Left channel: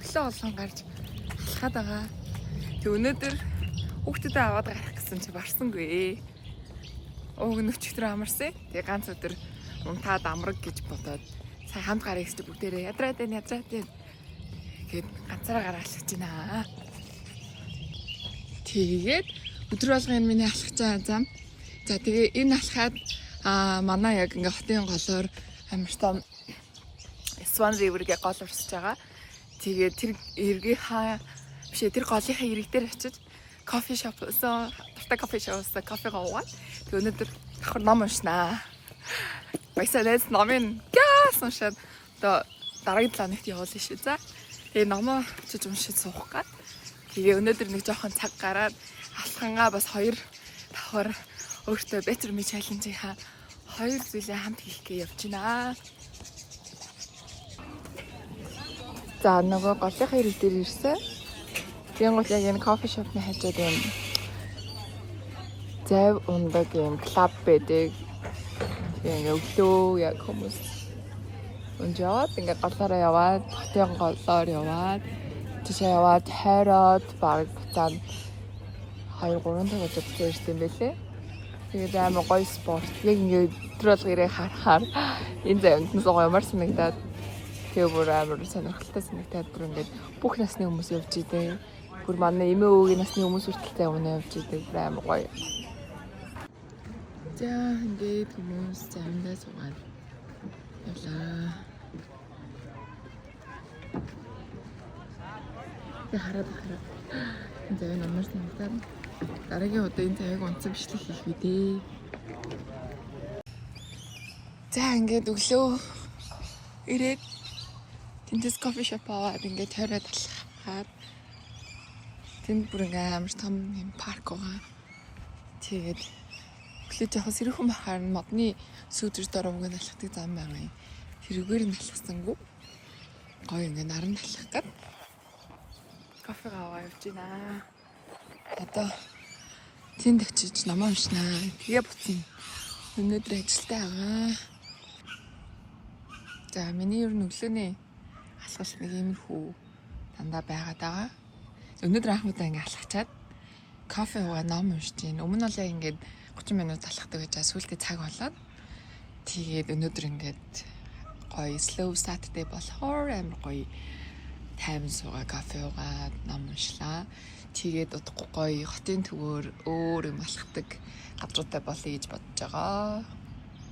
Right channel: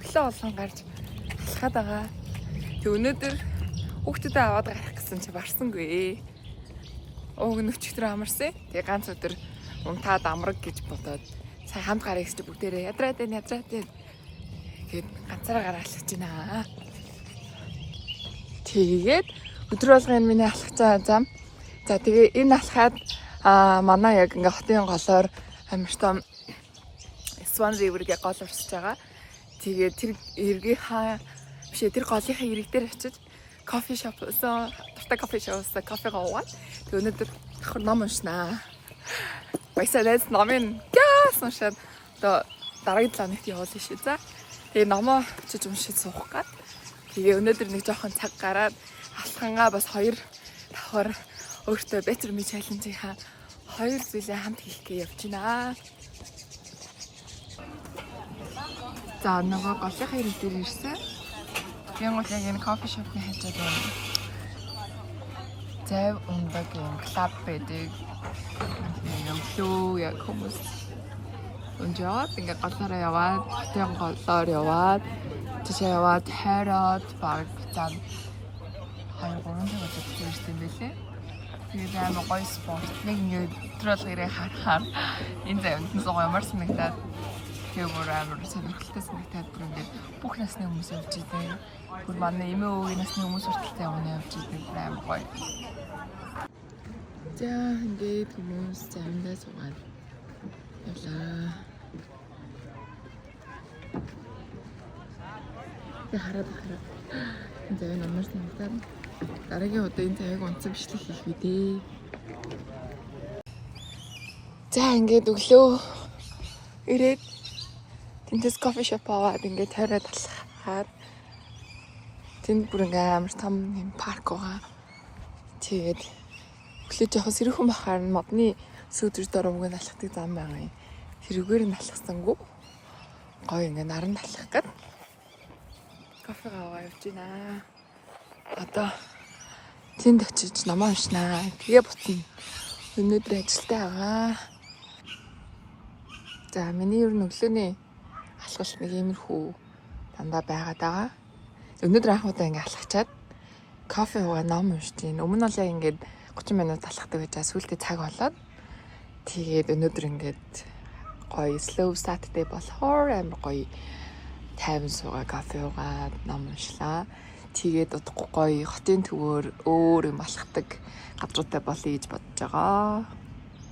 өглөө болгон гарч алхаад байгаа. Тэг өнөөдөр хүүхдүүдээ аваад гарах гэсэн чи барсангүй. Өчигдөр амарсан. Тэгээ ганц өдөр унтаад амраг гэж бодоод сая хамт гарах гэж бүгдээрээ ядраад гээд ганцаараа гараа алхаж байна. Тэгээд өдөр болгон миний алхаж байгаа зам. За тэгээ энэ алхаад манай яг ингээ хотын голоор амар том Swan River-гээ гол урсж байгаа. Тэгээд тэр эргээ тэр голынхаа ирэг дээр очиж кофе шоп дуртай кофе шопс кофегаа уугаад тэг өнөөдөр давхар ном уншнаа. Баясаад номын гяс уншаад одоо дараагийн 7 хоногт явуулна шүү. За тэгээ номоо очиж уншиж суух гад. Тэгээ өнөөдөр нэг жоохон цаг гараад алхангаа бас 2 давхар өөртөө Better Me Challenge-ийн 2 зүйлээ хамт хийх гэж явж байна. За нөгөө голынхаа ирэг дээр ирсэн. Тийм бол яг энэ кофе шопны хажууд байна. Зав ундаг юм клуб байдаг. Тэгээ өглөө яг хүмүүс өнжоод ингээ голоороо яваад, хотын голоор яваад, тийшээ яваад хайраад баг зам 2-3 цагт явж ирсэн байлээ. Тэгээд амар гоё спорт. Нэг ингээ өдрөл гэрээ харахаар энэ завьд нь зугаа ямар санагдаад тэгээ бүр амар сонирхолтой санагдаад бүр ингээ бүх насны хүмүүс явж идэв. Бүр манай эмээ өвгийн насны хүмүүс хүртэлтэй өмнө явж идэв. Амар гоё. За ингээд хүмүүс завьдаа суугаад явлаа. Тэгээ хараад энэ завь амар санагдаад дараагийн удаа энэ завьг онцгой бичлэг хийх үү дээ. За ингээд өглөө ирээд тэндээс кофе шоп аваад ингээд тойроод алхахаар тэнд бүр ингээд амар том юм парк байгаа. Тэгээд өглөө жоохон сэрүүхэн бахаар модны сүүдэр дөрөвгөө алхахдаг зам байгаа юм. Тэрүүгээр нь алхасангүй гоё ингээд наранд алхах гээд кофе аваа явж байна. Одоо тэнд очиж ном уншнаа. Тэгээ буцна. Өнөөдөр ажилтаа байгаа. За миний ер нь өглөөний алхал нэг иймэрхүү дандаа байгаад байгаа. Өнөөдөр анх удаа ингээ алхачаад кофе уугаа ном уншиж байна. Өмнө нь л ингээд 30 минут алхахдаг гэж сүүлдээ цаг болоод тэгээд өнөөдөр ингээд гоё slow startday болохоор амар гоё тайван суугаа кофе уугаад ном уншлаа. Тэгээд удахгүй гоё хотын төвөөр өөр юм алхдаг газруудтай болъё гэж бодож байгаа.